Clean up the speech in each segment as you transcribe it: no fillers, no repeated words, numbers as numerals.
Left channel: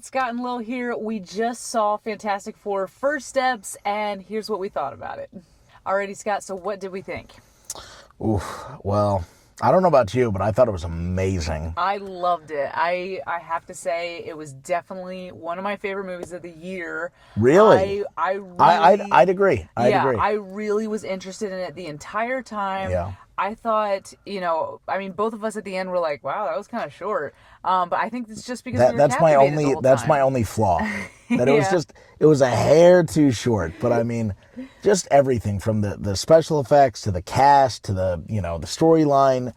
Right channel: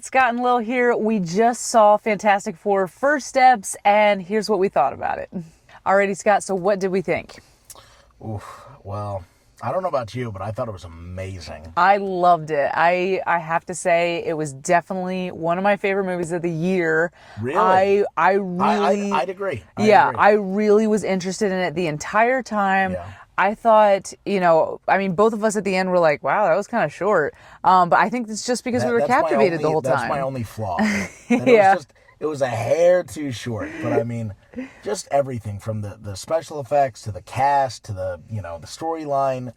it's Scott and Lil here. We just saw Fantastic Four First Steps, and here's what we thought about it. Alrighty, Scott, so what did we think? Oof, well, I don't know about you, but I thought it was amazing. I loved it. I have to say, it was definitely one of my favorite movies of the year. Really? I really... I'd agree. I really was interested in it the entire time. Yeah. I thought, both of us at the end were like, wow, that was kind of short. But I think it's just because we were captivated the whole time. That's my only flaw. That it was a hair too short. But I mean, just everything from the special effects to the cast to the storyline.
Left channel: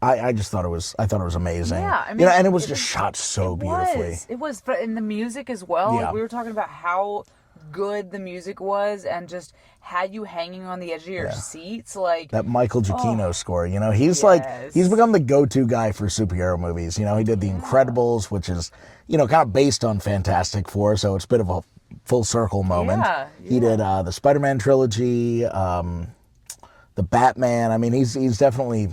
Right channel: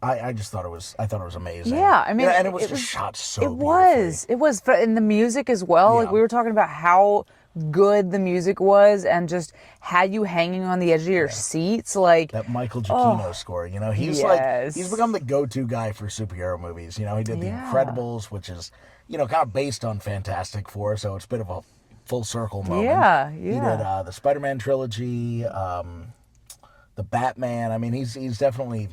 I thought it was amazing. Yeah, I mean, and it was just shot so beautifully. It was, in the music as well. Yeah. Like, we were talking about how good the music was and just had you hanging on the edge of your seats. Like that Michael Giacchino score, he's he's become the go-to guy for superhero movies. He did The Incredibles, which is kind of based on Fantastic Four, so it's a bit of a full circle moment. Yeah. He did the Spider-Man trilogy, the Batman. I mean, he's definitely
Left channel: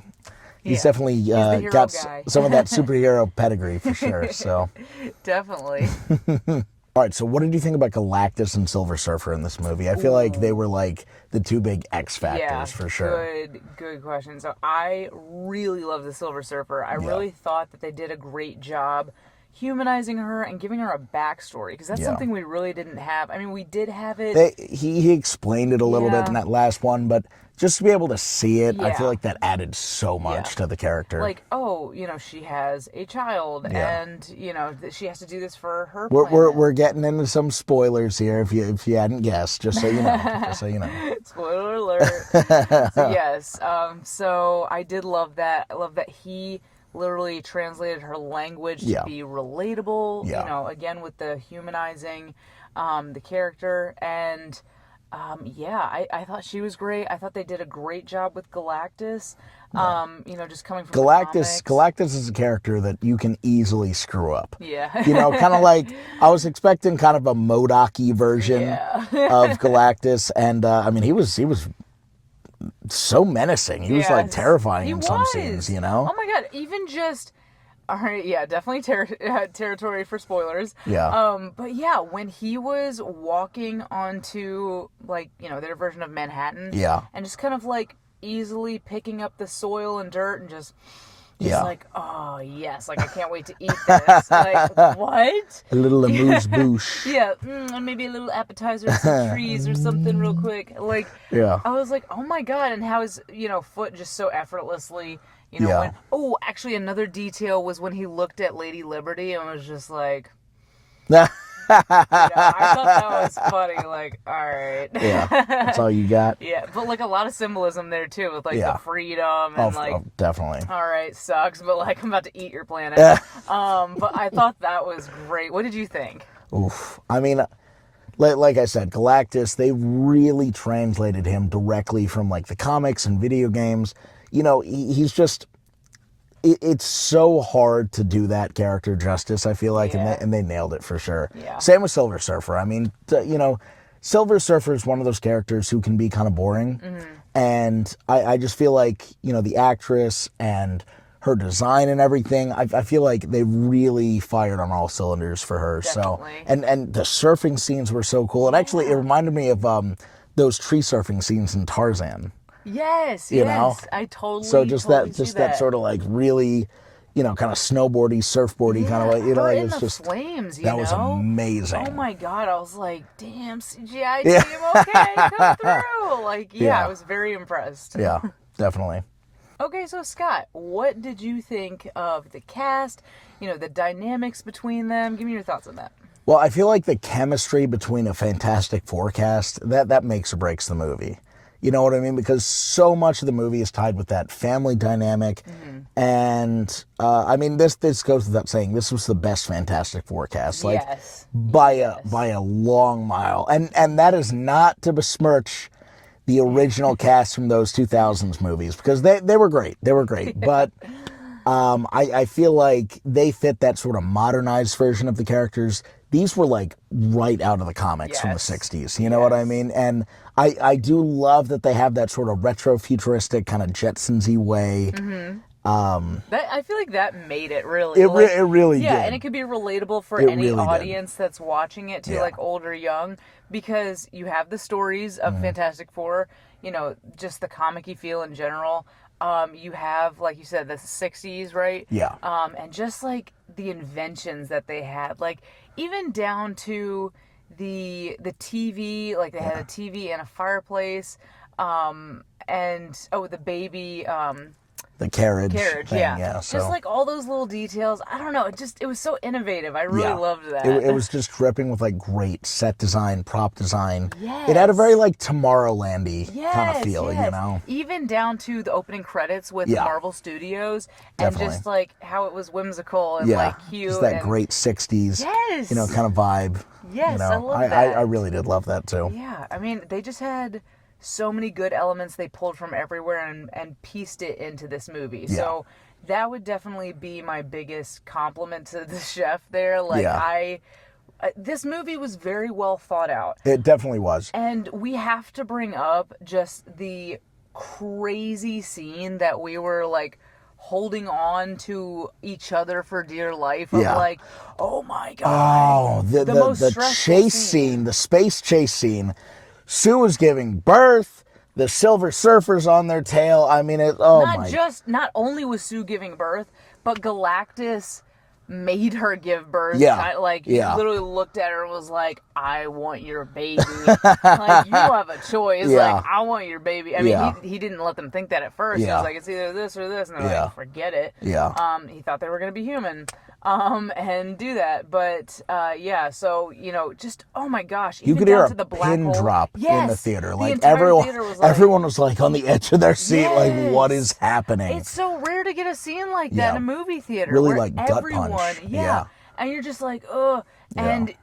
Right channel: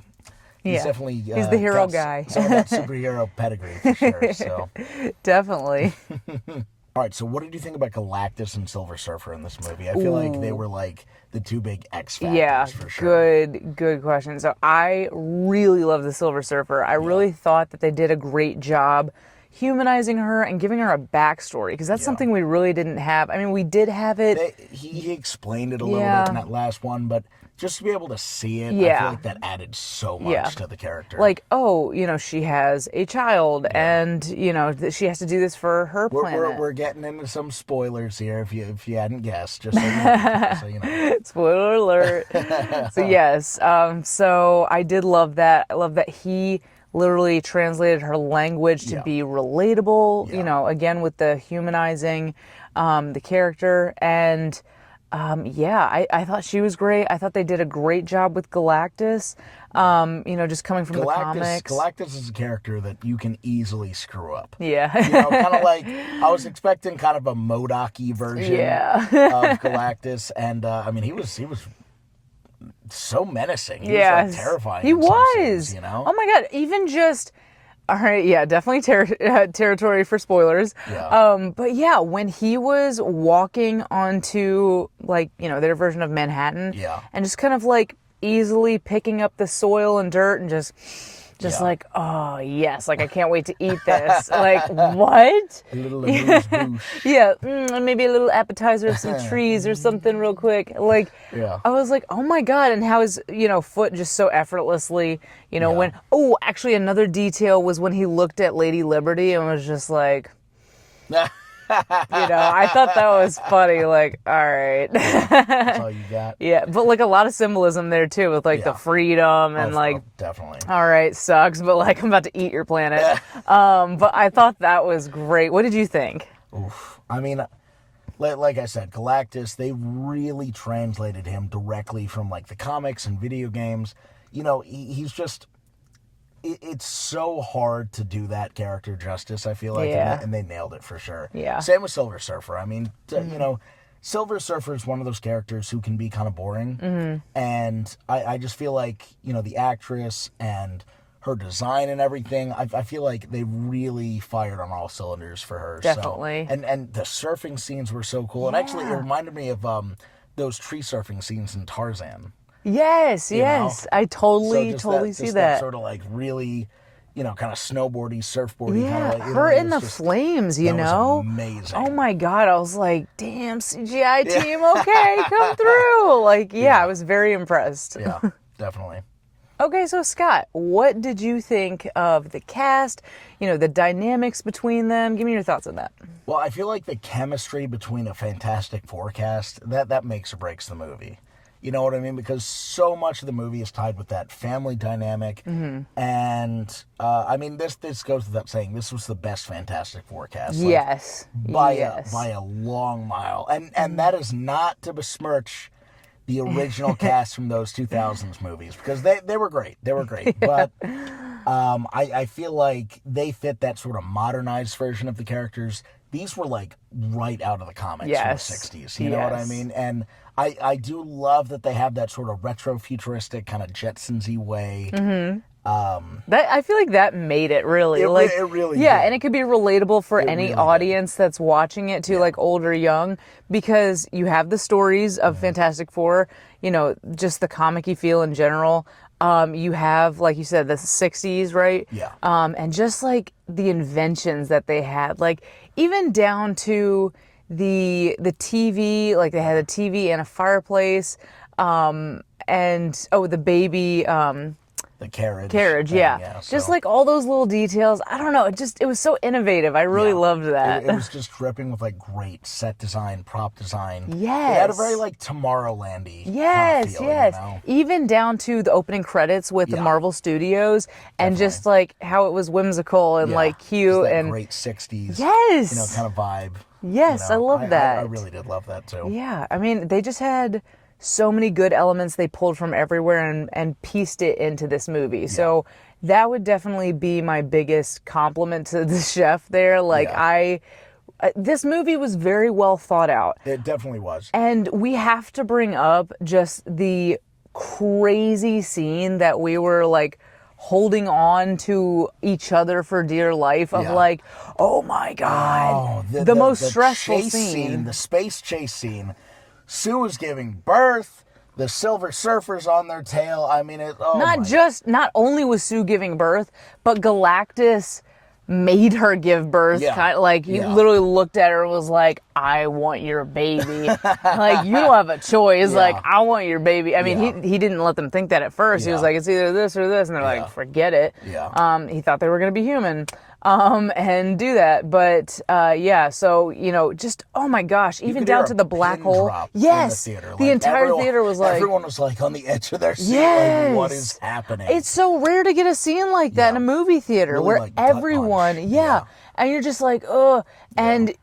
he's the hero got guy. Some of that superhero pedigree for sure. So definitely. All right, so what did you think about Galactus and Silver Surfer in this movie? I feel like they were like the two big X factors for sure. Good question. So I really love the Silver Surfer. I really thought that they did a great job humanizing her and giving her a backstory, because that's something we really didn't have. I mean, we did have it. He explained it a little bit in that last one, but just to be able to see it, I feel like that added so much to the character. Like, she has a child, and she has to do this for her planet. We're getting into some spoilers here, if you hadn't guessed, just so you know. Spoiler alert. So yes, so I did love that. I love that he literally translated her language to be relatable. Again with the humanizing the character. And I thought she was great. I thought they did a great job with Galactus. Just coming from the comics. Galactus is a character that you can easily screw up. Yeah. Kind of like, I was expecting kind of a MODOK-y version of Galactus, and he was so menacing. He was like terrifying in some scenes, Oh my god, even just... All right, definitely territory for spoilers. Yeah. But when he was walking onto, their version of Manhattan. Yeah. And just kind of, easily picking up the soil and dirt and just like, oh, yes, I can't wait to eat this. What? A little amuse-bouche. Maybe a little appetizer, some trees or something real quick. I was like, oh my god, and how his, foot just so effortlessly, went. Oh, actually, another detail was when he looked at Lady Liberty and was just like... I thought that was funny. All right. That's all you got. But a lot of symbolism there too, with the freedom and definitely. All right, sucks, but I'm about to eat your planet. But I thought that was great. What did you think? Oof. I mean, like I said, Galactus, they really translated him directly from the comics and video games. He's just... It's so hard to do that character justice, I feel like, and they nailed it for sure. Yeah. Same with Silver Surfer. I mean, Silver Surfer is one of those characters who can be kind of boring, and I just feel like, the actress and her design and everything, I feel like they really fired on all cylinders for her. Definitely. So, and the surfing scenes were so cool. And actually, it reminded me of those tree surfing scenes in Tarzan. Yes. I totally see that. That sort of really, kind of snowboardy, surfboardy kind of her in the flames, That was amazing. Oh my god, I was like, damn, CGI team, okay, come through. I was very impressed. Yeah, definitely. Okay, so Scott, what did you think of the cast? The dynamics between them. Give me your thoughts on that. Well, I feel like the chemistry between a Fantastic Four cast, that makes or breaks the movie. You know what I mean? Because so much of the movie is tied with that family dynamic. And, this goes without saying, this was the best Fantastic Four cast. By a long mile. And that is not to besmirch the original cast from those 2000s movies, because they were great. They were great. But I feel like they fit that sort of modernized version of the characters. These were right out of the comics from the 60s. You know what I mean? And I do love that they have that sort of retro futuristic kind of Jetsons-y way. I feel like that made it really. It really yeah, did. and it could be relatable for any really audience that's watching it too, like old or young, because you have the stories of Fantastic Four, just the comic-y feel in general. You have, like you said, the 60s, right? Yeah. And just like the inventions that they had, like even down to the TV, like they had a TV and a fireplace, and the baby, the carriage thing, yeah. Just like all those little details. I don't know. It was so innovative. I really loved that. It was just dripping with like great set design, prop design. Yes. It had a very like Tomorrowland-y kind of feel, Even down to the opening credits with the Marvel Studios and just like how it was whimsical and like cute. Just that and great 60s, yes. kind of vibe. Yes, I love that. I really did love that too. Yeah, I mean, they just had so many good elements they pulled from everywhere and pieced it into this movie. Yeah. So that would definitely be my biggest compliment to the chef there. Like this movie was very well thought out. It definitely was. And we have to bring up just the crazy scene that we were like holding on to each other for dear life of like, oh my God. Oh, the most stressful chase scene, the space chase scene. Sue was giving birth. The Silver Surfer's on their tail. I mean, not only was Sue giving birth, but Galactus made her give birth. Yeah. He literally looked at her and was like, I want your baby. Like, you don't have a choice. Yeah. Like, I want your baby. I mean, he didn't let them think that at first. He was like, it's either this or this. And they're like, forget it. Yeah. He thought they were going to be human. And do that. But, so, just, oh my gosh, even down to the black hole. Drop in the theater. The entire theater was like. Everyone was like on the edge of their seat, like, what is happening? It's so rare to get a scene like that in a movie theater really where like everyone, and you're just like, oh, and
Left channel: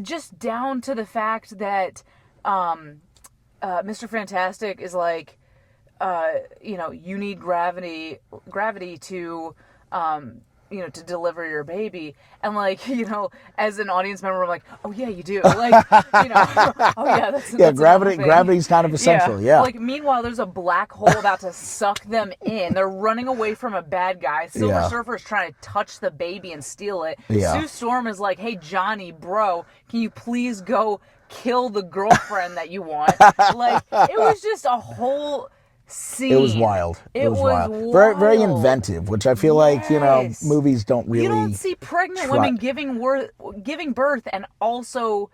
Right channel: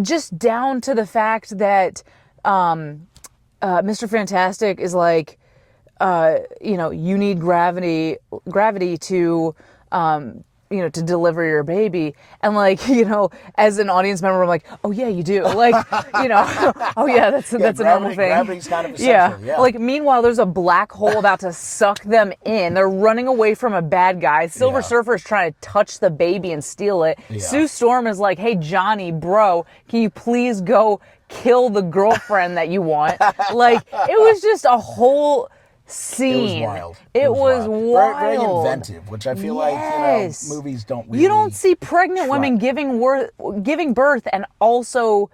just down to the fact that Mr. Fantastic is like, you need gravity to to deliver your baby. And like, as an audience member, I'm like, oh yeah, you do. Like, oh yeah, that's gravity. Gravity's kind of essential. Yeah. Like, meanwhile, there's a black hole about to suck them in. They're running away from a bad guy. Silver Surfer's trying to touch the baby and steal it. Yeah. Sue Storm is like, hey, Johnny, bro, can you please go kill the girlfriend that you want? Like, it was just a whole scene. It was wild. It was wild. Very, very inventive, which I feel like, movies don't really. You don't see pregnant women giving birth and also,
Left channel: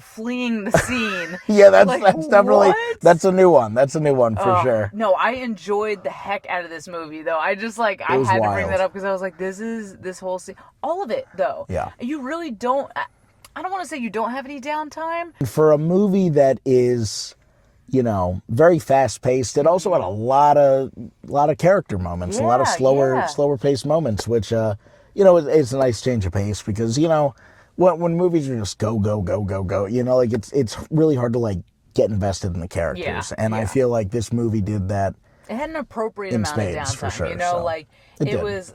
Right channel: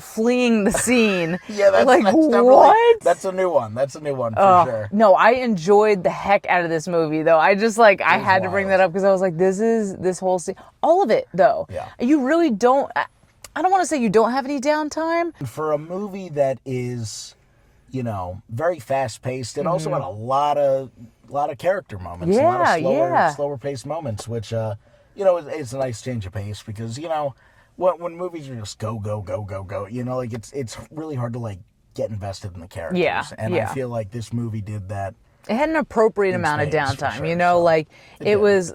fleeing the scene. That's definitely, that's a new one. That's a new one for sure. No, I enjoyed the heck out of this movie, though. I just I had to bring that up because I was like, this whole scene, all of it, though. Yeah. You really don't. I don't want to say you don't have any downtime. For a movie that is, very fast paced, it also had a lot of character moments, a lot of slower paced moments, which it's a nice change of pace because when movies are just go go go go go, it's really hard to like get invested in the characters, I feel like this movie did that. It had an appropriate amount of downtime, sure, it was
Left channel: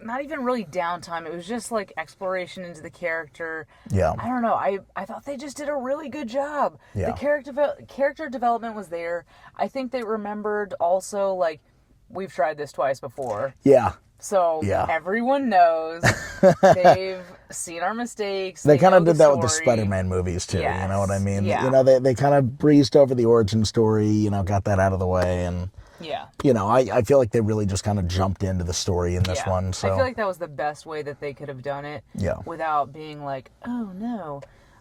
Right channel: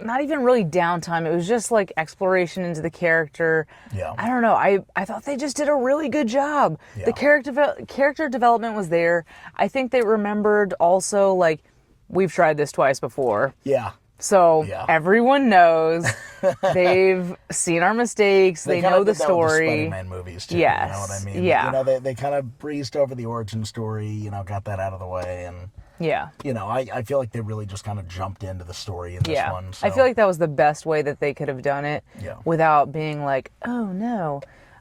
not even really downtime. It was just like exploration into the character. Yeah. I don't know. I thought they just did a really good job. Yeah. The character development was there. I think they remembered also, like, we've tried this twice before. Yeah. So everyone knows. They've seen our mistakes. They kind know of did the that with the story. Spider-Man movies too. Yes. You know what I mean? Yeah. They kind of breezed over the origin story. Got that out of the way, and I feel like they really just kind of jumped into the story in this one. So. I feel like that was the best way that they could have done it. Yeah. Without being like, oh no,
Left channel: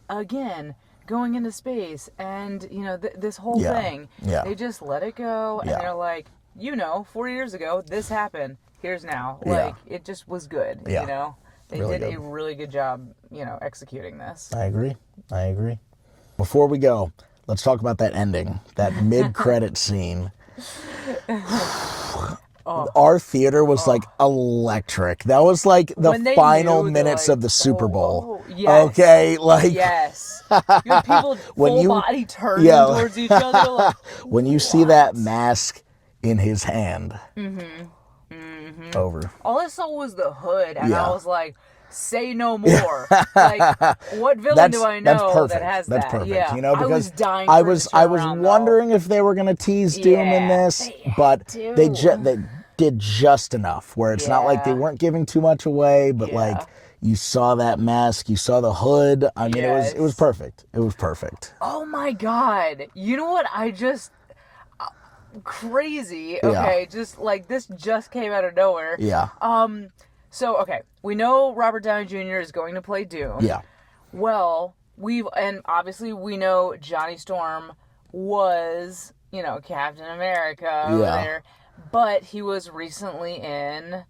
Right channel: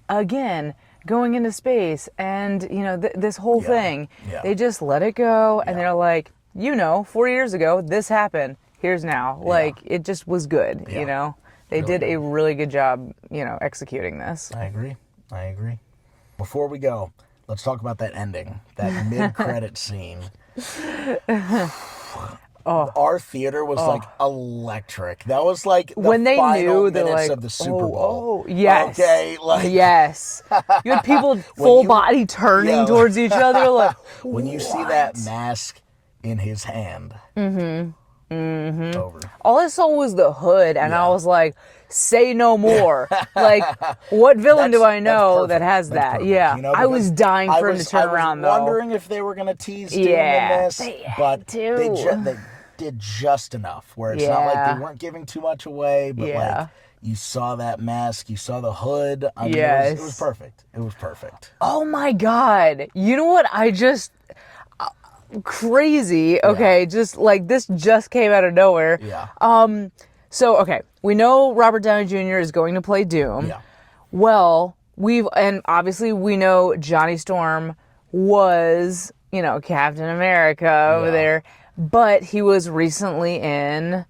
again, going into space and this whole thing. Yeah. They just let it go, and they're like, 4 years ago this happened. Here's now. Like, it just was good. Yeah. They really did a really good job. Executing this. I agree. Before we go, let's talk about that ending, that mid-credit scene. Our theater was like electric. That was like the final minutes of the Super Bowl. Yes. Okay, like yes. You had people full body turning towards each other. Like, when you see that mask in his hand. Over. All I saw was the hood, and I was like, say no more. Like, what villain do I know that has that? Perfect, yeah. I was dying for it to turn around, I was wondering if they were going to tease Doom in this, but did just enough where it's not like they weren't giving too much away, but like you saw that mask, you saw the hood. I mean, it was perfect. It was perfect. Oh my God. You know what? I just crazy. Okay, just like this just came out of nowhere. Yeah. So okay, we know Robert Downey Jr. is going to play Doom. Yeah. Well, and obviously we know Johnny Storm was, you know, Captain America over there, but he was recently in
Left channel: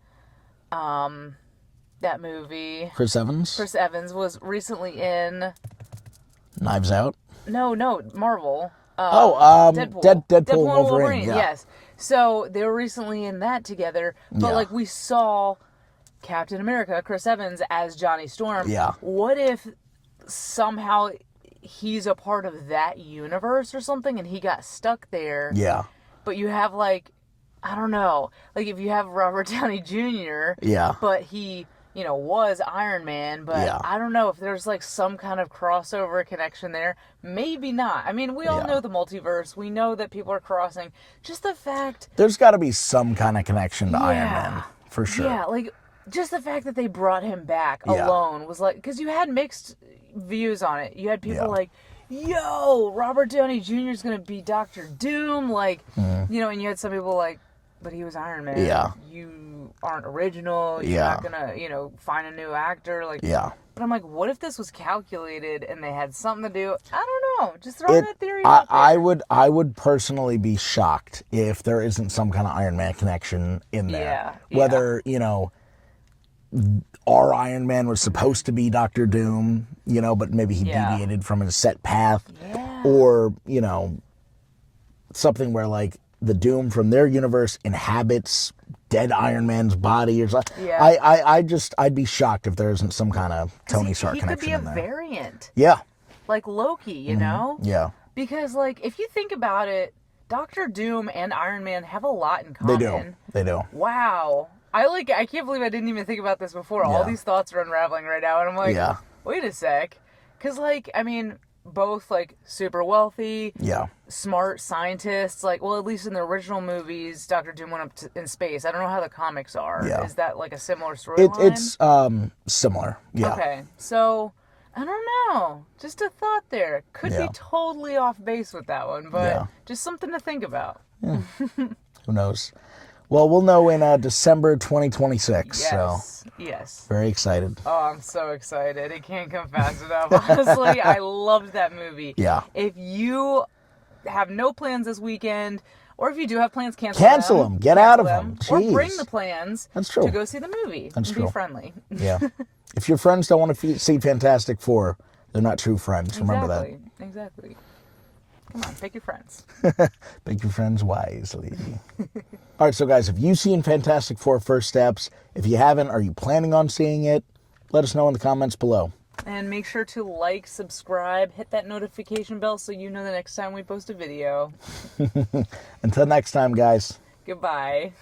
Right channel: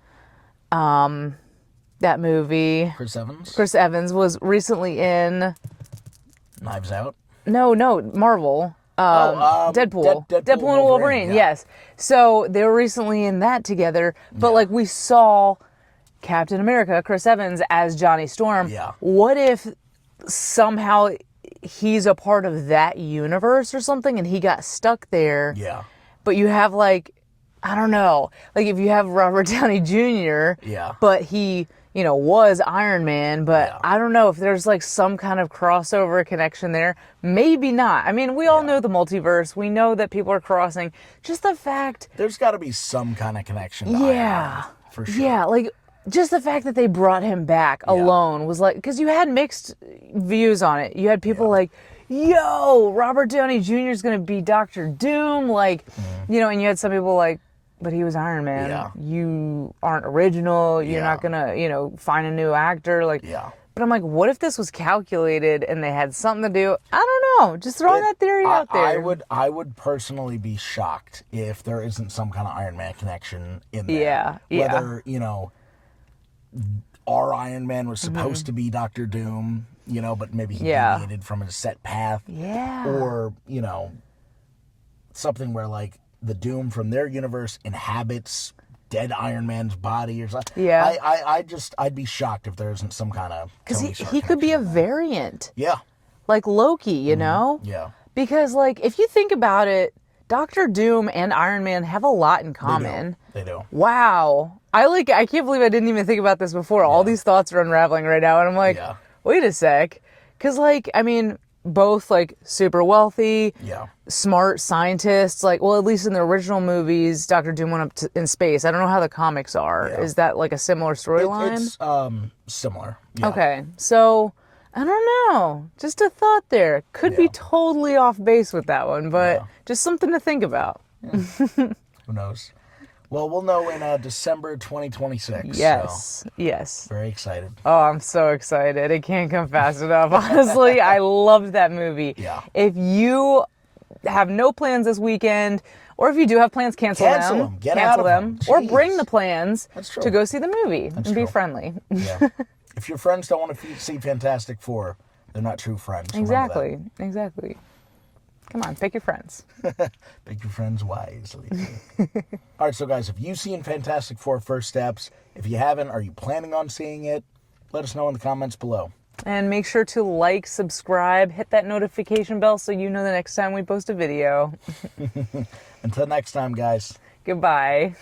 that movie. Chris Evans? Chris Evans was recently in Knives Out? No, Marvel. Deadpool. Deadpool and Wolverine, yes. So they were recently in that together, but like we saw Captain America, Chris Evans, as Johnny Storm. Yeah. What if somehow he's a part of that universe or something and he got stuck there? Yeah. But you have like, I don't know, like if you have Robert Downey Jr., but he, you know, was Iron Man, but I don't know if there's like some kind of crossover connection there. Maybe not. I mean, we all know the multiverse. We know that people are crossing. Just the fact... There's got to be some kind of connection to Iron Man, for sure. Yeah, like just the fact that they brought him back alone was like... Because you had mixed views on it. You had people like, yo, Robert Downey Jr. is going to be Dr. Doom. Like, you know, and you had some people like, but he was Iron Man. Yeah. You aren't original. You're not going to, you know, find a new actor. Like, but I'm like, what if this was calculated and they had something to do? I don't know. Just throwing that theory out there. I would personally be shocked if there isn't some kind of Iron Man connection in there. Yeah. Whether, you know, our Iron Man was supposed to be Dr. Doom, you know, but maybe he deviated from his set path. Yeah. Or, you know, something where like the Doom from their universe inhabits dead Iron Man's body or something. Yeah. I'd be shocked if there isn't some kind of Tony Stark he could be a connection variant. Yeah. Like Loki, you know? Yeah. Because like if you think about it, Dr. Doom and Iron Man have a lot in common. They do. Wow. I can't believe I didn't even think about this before. All these thoughts are unraveling right now and I'm like, wait a sec. Cuz like, I mean, both like super wealthy, smart scientists. Like, well, at least in the original movies, Dr. Doom went up in space. I don't know how the comics are. Is that like a similar storyline? It's similar. Yeah. Okay, so I don't know. Just a thought there. Could be totally off base with that one, but just something to think about. Yeah. Who knows? Well, we'll know in December 2026. Yes. So Yes. very excited. Oh, I'm so excited. It can't come fast enough. Honestly, I loved that movie. Yeah. If you have no plans this weekend, or if you do have plans, cancel them. Get out of them. Or bring the plans to go see the movie and be friendly. Yeah. If your friends don't want to see Fantastic Four, they're not true friends. Exactly. Exactly. Come on, pick your friends. Pick your friends wisely. All right, so guys, have you seen Fantastic Four First Steps? If you haven't, are you planning on seeing it? Let us know in the comments below. And make sure to like, subscribe, hit that notification bell so you know the next time we post a video. Until next time, guys. Goodbye.